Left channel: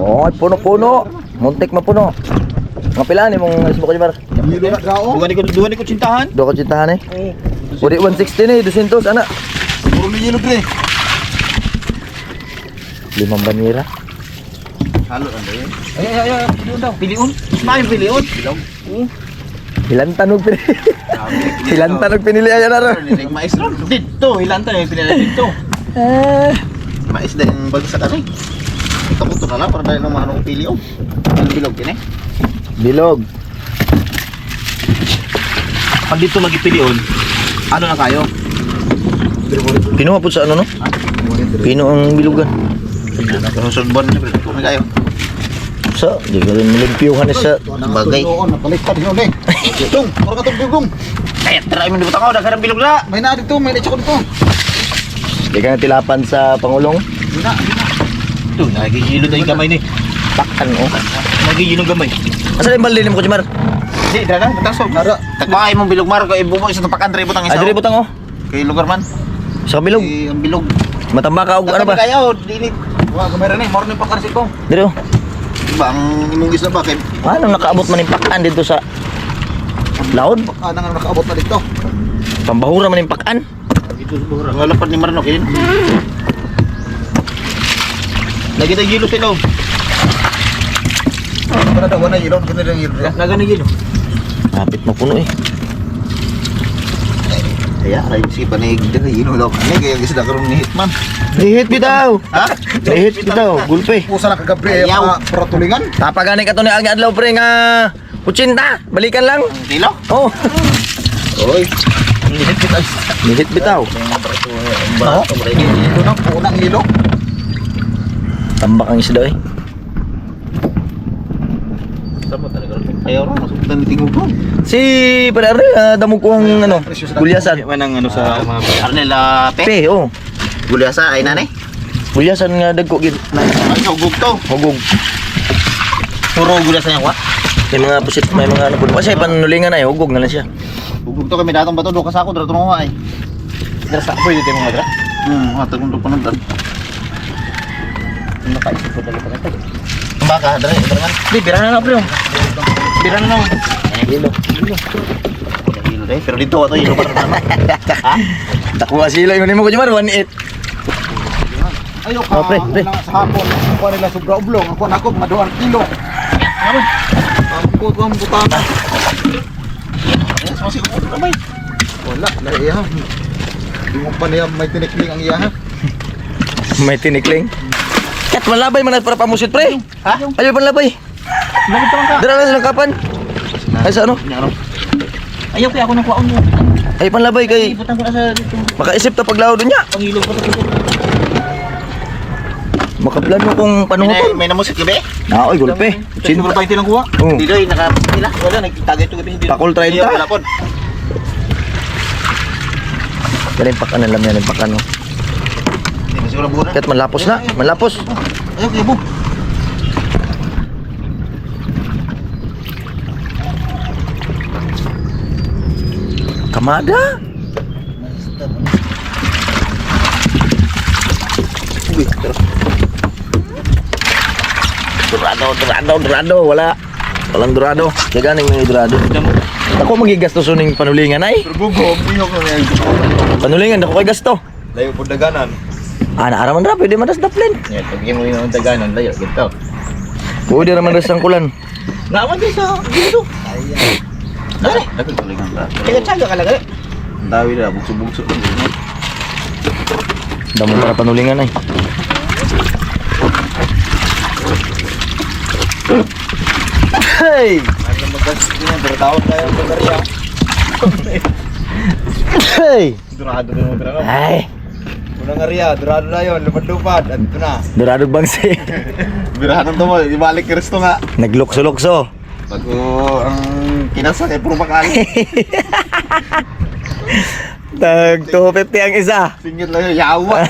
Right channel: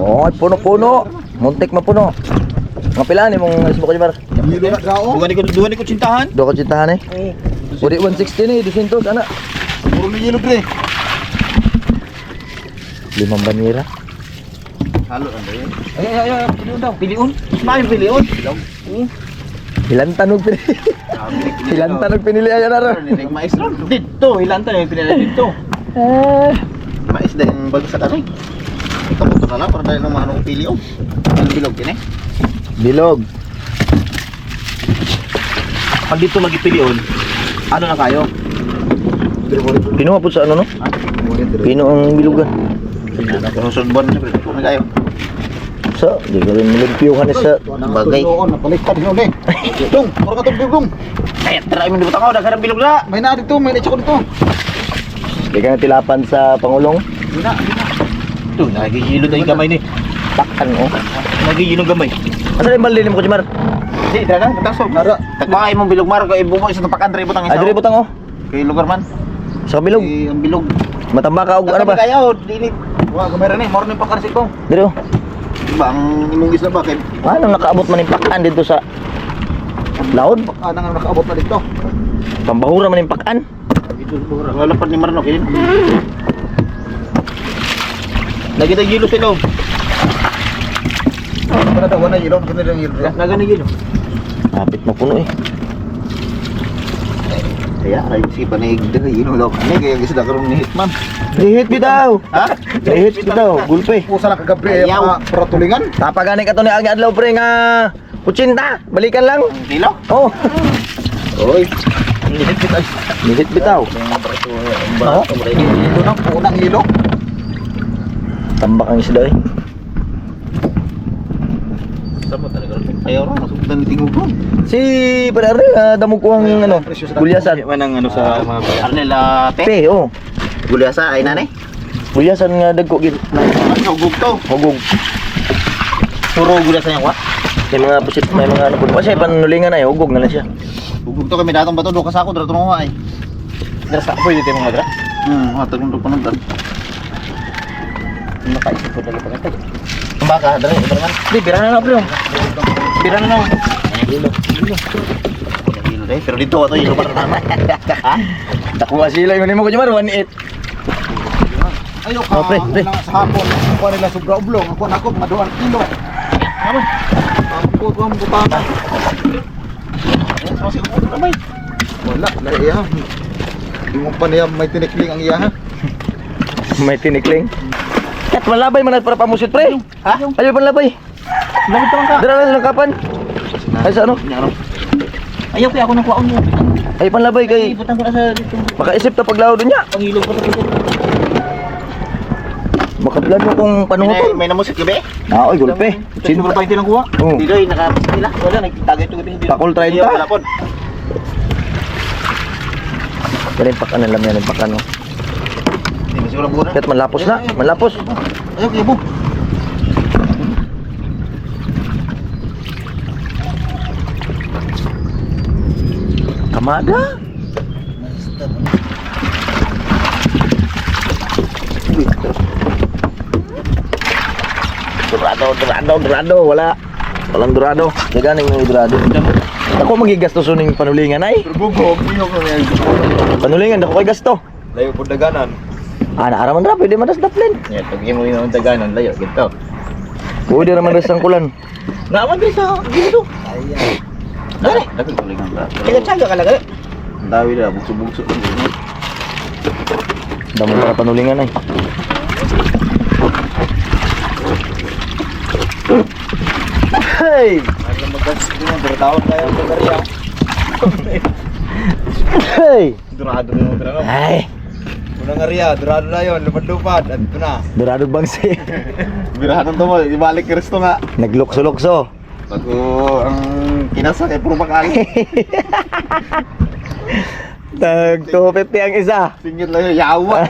Oh, puno-puno. Muntik mapuno. Mga pilaan eh mong isbo ko Jimar. Hilo na gao. Duha ni ko cintahan. Do ko cintahan eh. Uri 160 nih 200 anak. Puro ni hilo pre. 5 banira. Halo ano yun? Ay, piliun daw. Piliun. Main piliun. Ilan tanog pinili. Ilan tanog pinili ayan na ron. Ninig mais ron. Dito, ilan tayo pinala dito. Mais din bagsak ano eh. Ikaw mo na lang para dahil ng anong pili oh. Anong bilog yun eh. Bilog. Pag dito lagi piliun, ano na kayo? Pino po sa ano no? Pino ang bilugan. Kasusod buwan na pre. Kung kayo. So, di ka rin nilimpiyuhan sa Bagay. Napaliktad yun eh. Dong, mura ka itong bilog. Kaya try mo dito ako, dagarang bilog na. May na dito, may na-check ko dito. di ka na tilapan sa Pangulong. Hindi na. Ito, nagigilo na yung gamay ni. Pakan oh. Nagigilo ng gamay. Asa yung balde mo ko Jimar? Hindi, dragan, tatasog. Tagpakay mong bilog mar, kaya bumong isa pakan, butang isa. Adre butang oh. Kay lugar man. Sa bilog. Ang bilog. Matamba ka og ano ba? Kayo, dinit. Wah, kamera ni, morning pa kasi ko. Dire oh. Diba, ang imong isla ba kay Ano nakaabot man yung pakan dito sa laod? nang nakaabot na dito. Pambahura man yung pakan. Dito siguro. Ang lalapad ni Marno kayo. Nagita gilo sila. Para daw na yelo, ganun lang yelo. Nagana gilo. Kapit na puno eh. Kaya ay si panig dere yelo daw. Ani kay isda karon ni Hitman. Dihit bitaw. Ha? Dihit bitaw. Gulpe. Pusa lang kagabi Ayaw. para tulingan. Tapagani ka to ni Agi Adlaw pre nga 80. Balikan lang. Kilo? Oh. Oy. Dihit bitaw. Oh. Ito na unang yelo. Tambak ang isda eh. Sama talaga ron. Ayaw ron, masugdan ni tingog ron. Si Padre damo ko ang ano, gulyasan. Manang ano sa mga Arnela Pe, oh. Gulyasa ay nanay. Gulyasan nga dagko gid. Ay ugog to. Hugog. Puro gula sa niya, May mga pusit, may mga ano po. Kasi panulingan na eh, hugog na lang siya. Ugog to kami datong bato do kasako dra tuno ay. Dara sa pwede tayo mga dra. Hatag mo pa nandun. Nakaisip ko dali pa ito. Baka dra man. Di, bira na lang bro. Bira na lang. Hilo. Yelo dai, pero dito ato yelo para naman. Ha? Dako nga sila yun mo ko Jumar 18. Ayo Oh, pre. sa hapon, kuha nila sobra oblong, ako nako maduan kilo. Naman. Ako ko ang butana. Yes, masih ko na bay. Wala, na iya. Di mo pa niya may tinikling ang iya ha. May tinikling. Kat malabay man para pamusit pre. Ha? Ayo panlabay. Bakit ka? Dira lang sa kapan. Ay sa ano? Ayaw kaya ako nang kuwaon mo. Ay panlabay kay Ibutang ko na sa dito. makaisip ta paglaw niya. Pangilog pa sa dito. Makaplano kung panuhotol. May namusik gabi. Na oy gulpe. Siguro pa itilang kuha. Oh. Dito ay nakapila. Wala nagtagay to gabi dito. Takol 30. Wala pod. Dali pakan na lang yan pakan no. Hindi siguro buo na. Kat malapos na, malapos. Ayo kibo. Kamada. Dorado, wala. Walang dorado. Kaya ganing may dorado. Ako magigasto suning panulingan ay. Gugog, iyo ko yan. Panulingan ako kay gasto. Layo po daganan. Ah, naaraman ra pwede madas daplin. Yeah, pag mo yung daganan, layo gito. Pwede ra madas ang kulan. Naman din sa dito. Ayan. Dali, dali tulingan ba. Tsaga ka lang. Ang dawi na bugso-bugso lang din. Damo para panulingan ay. Hey! Ano magas din ang bertawon kayo sa Korea. Hey! Durado mo pero. Ay, Unang area, durado na 'yon, lupad-lupad. Adto na. dorado bangsi. Birahan to mo, ibalik Kristo nga. Naglukso-lukso. Bago ang kinasa kay puro bakali. Tag 250 ang isa. Singit lang yung yawa.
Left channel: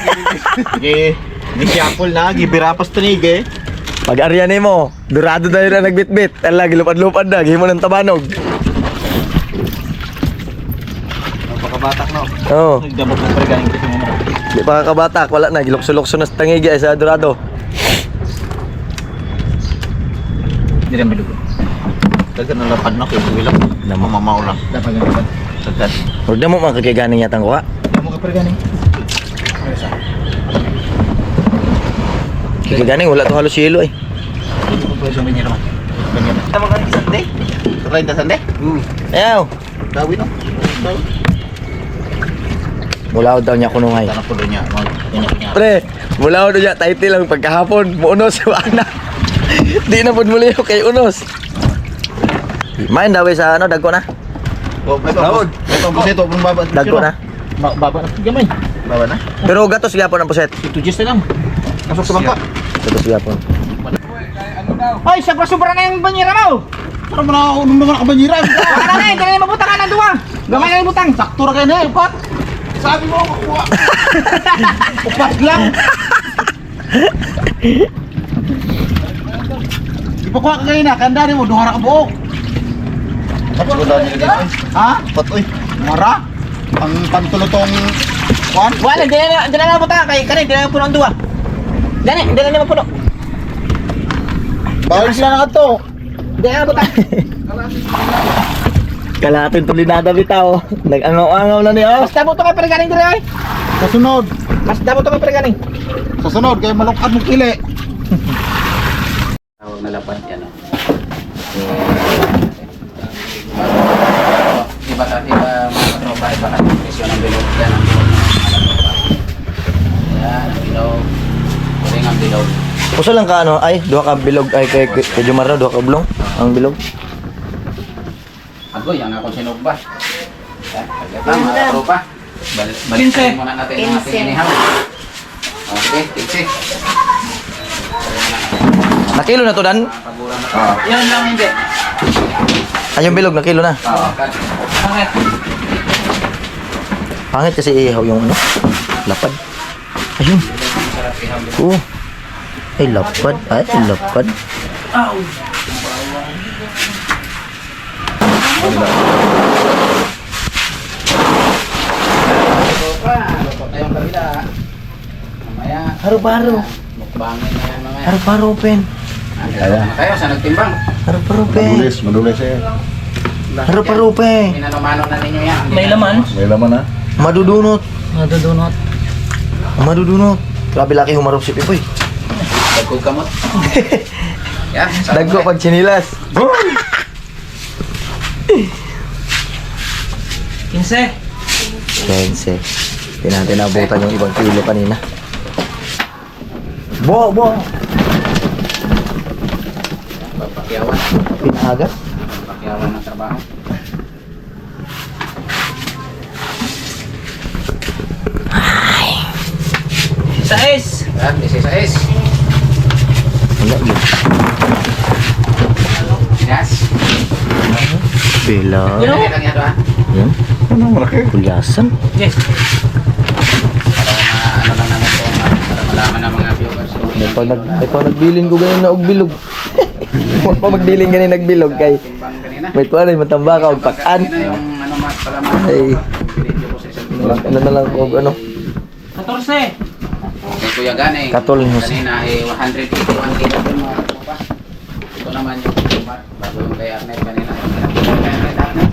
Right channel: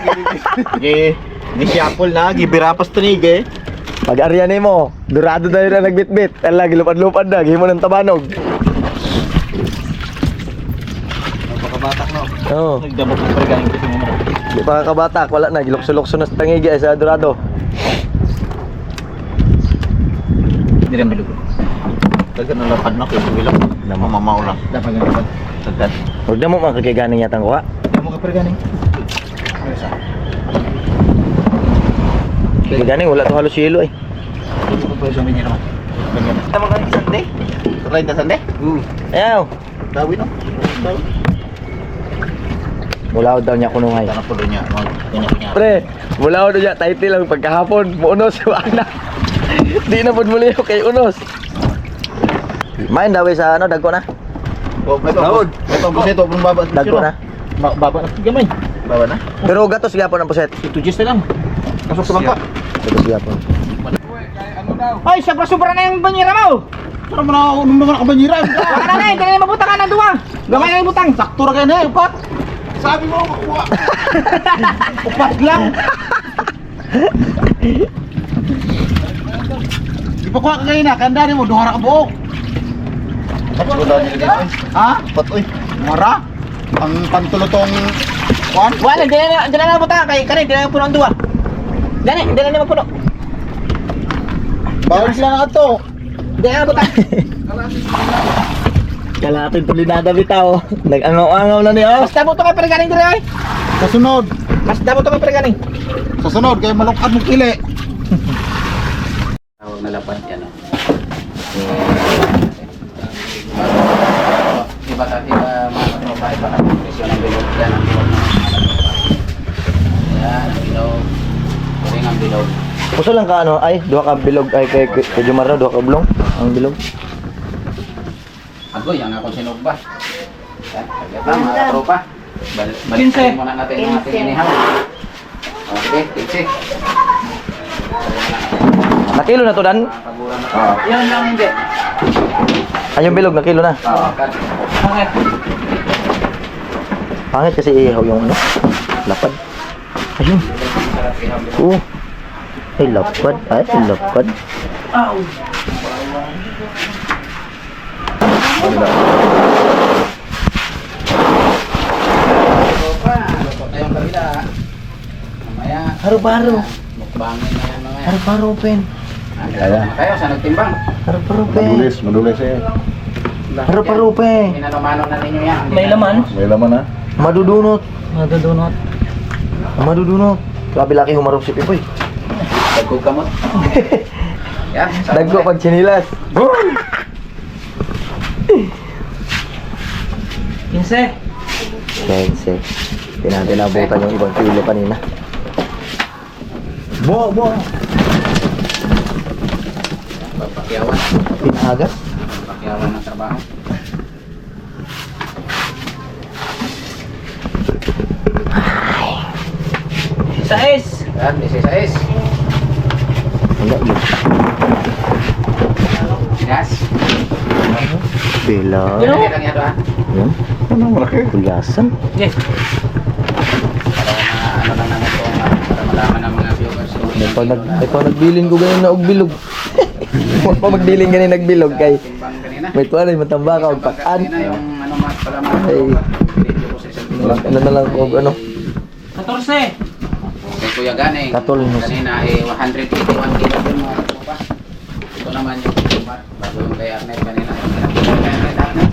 Sige. Ni Siapol na, gibirapas tanig eh. Pag arya nimo, dorado na rin nagbitbit. Ala gilupad-lupad na, gihimo ng tabanog. Napakabatak no. Oo. Nagdamot ng pergaling kasi mo. Di pa kabatak, wala na gilukso-lukso na sa tangigi ay sa dorado. Hindi rin bilog. Dagan ang lapad na ko. Bilang. Mamamaw lang. Dapat ganito. Dagan. Huwag na mo makakaganing yatang kuha. Hindi mo ka perganing. Kaganing, wala to halos yelo eh. Hindi ko pwede sumin niya naman. Ganyan. Tama ka ni Sunday? Try na Sunday? Ayaw. Dawi no? Dawi. Mula daw niya kunungay. Tanong po doon niya. Kanya-kanya. Pre, mula daw niya title lang pagkahapon. Muunos, wala. Di na po muli yung kay Unos. Main daw sa ano, dagko na. Oh, may pambus. May pambus ito. Baba. Dagko na. Baba na gamay. Baba na? Pero gatos gyapon ang puset. Ito just na lang. Pasok sa bangka. Gatos gyapon. Hoy, sobra-sobra na yung banyera mo. Pero mo na naman ako banyira. Wala na eh, dali na mabutang ka ng duwa. Gamay na yung butang. Sakto na kayo na eh, upat. Sabi mo, makuha. Upat lang. Ipakuha ka kayo na, kandari mo, duhara ka buok. Tapos ko dahil nilagay ko. Ha? Patoy. Mara? Ang pantulotong kuhan? Wala, dali na mabutang ka. Kaya dali na puno ang duwa. Dali na mapuno. Bawal sila na to. Dali na mabutang. Kalapit to dinada bitaw. Nag-angaw-angaw na niya. Mas dabo to kay perganing dire oy. Sa sunod. Mas dabo to kay perganing. Sa sunod, kaya malungkad mong kili. Tawag na lapad yan. Iba mga katropa, iba ka presyon ng bilog. Yan ang bilog ng mga katropa. Yan ang bilog. Kuring ang bilog. Puso lang ka ano, ay, duha ka bilog ay kay Jomar na, duha ka blong ang bilog. Agoy, ang akong sinugba. Yan, pagkatang mga katropa. Balikin muna natin yung ating inihaw. Okay, 15. Nakilo na to dan. Paguran na to. Yan lang hindi. Ay, yung bilog nakilo na. Bakit? Pangit kasi ihaw yung ano, lapad. Ayun. Oo. Ay, lapad. Ay, lapad. Luto na yung kabila. Mamaya, Haro-haro. mukbangin na yan mamaya. Haro-haro, pen. Kaya tayo sa nagtimbang. Haro-haro, pen. madulis eh. Haro-haro, pen. Minano-mano na ninyo yan. May laman. May laman na. Madudunot. Madudunot. Madudunot. Grabe laki humarap si Pipoy. Dagkog kamot. Yan. Dagko pag chinilas. 15. Kense. Hindi natin nabutan yung ibang kilo kanina. Bo! Papakyawan. Pinaga. Papakyawan ng trabaho. Sais. Yan, 16. Wala yun. Yes. Bila. Yan lang yan, ha? Yan. Kulyasan. Yes. Para ano lang naman ito, para malaman ng mga viewers. May pag nagbilin ko ganyan na og bilog. Huwag pa magbilin ganyan nagbilog kay Timbang kanina. may tuwan ay matamba ka og pakan. Kanina yung ano mas pala mga Ay. video ko sa isang video. Ano na lang og ano. 14. Kay Kuya Ganing, Katol mo. kanina ay 181 kilo din mga katropa. Ito naman yung tumar, bago yung kay Arnett kanina. Yung kay Arnett, Arnett.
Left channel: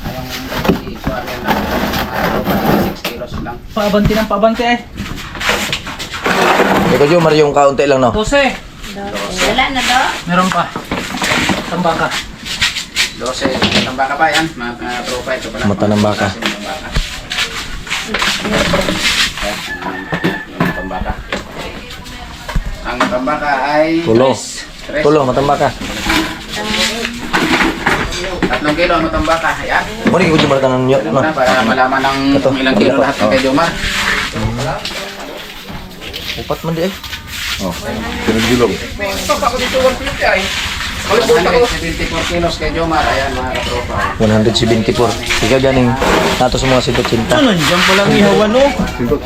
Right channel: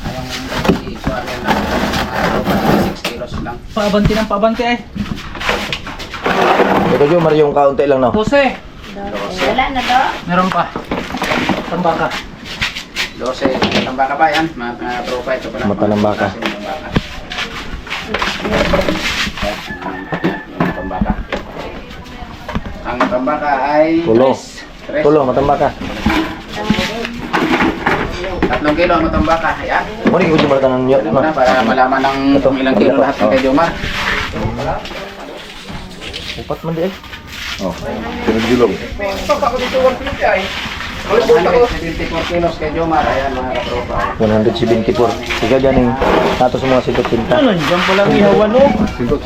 Ayong ito Arnett na mga katropa, 6 kilos lang. Paabanti ng paabanti eh. Ikaw Jomar yung kaunti lang no. 12. Wala na to. Meron pa. Tambaka. 12, matang baka pa yan, mga katropa. Ito pala. Mata ng baka. Matang baka. Yung matang baka. Ang matang baka ay... Tulo. Tres. Tulo matamba ka. 3 kilo ang matang baka. Ayan. Muli ko Jomar tanan niyo. Alam mo na, para malaman ng Ito. kung ilang kilo lahat ng kay Jomar. Upat man di eh. Oh, pinagbilog. 174 kilos kay Jomar. Ayan mga katropa. 174. Ika ganing nato sa mga 180. Ano, dyan po lang ihawan oh. Sinto